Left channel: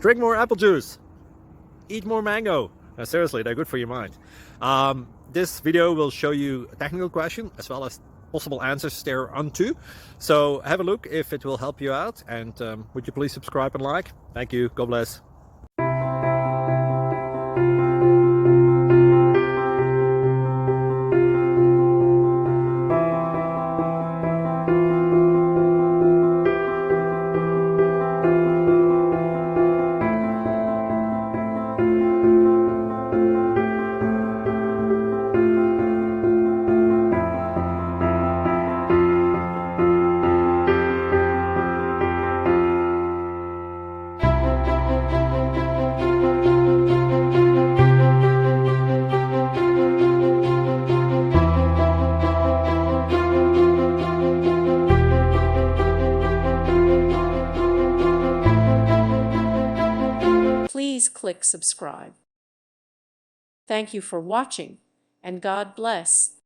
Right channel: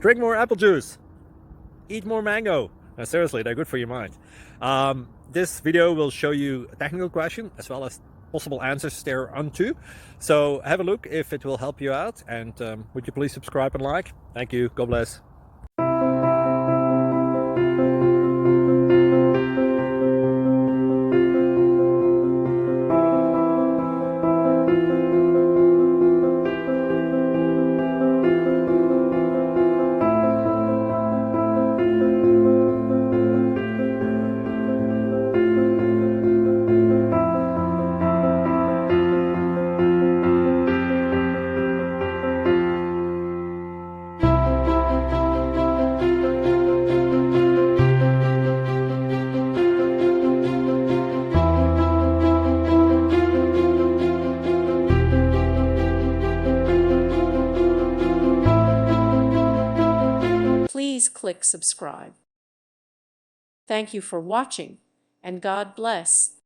Drink more apple juice. Eat more mango. Seriously, they're good for your mind. This video will show you a technical question as well as possible answers thereunto. So have a look if it will help you out, and would you please subscribe and like? Thank you. God bless. Please click subscribe. Thank you for watching, and God bless.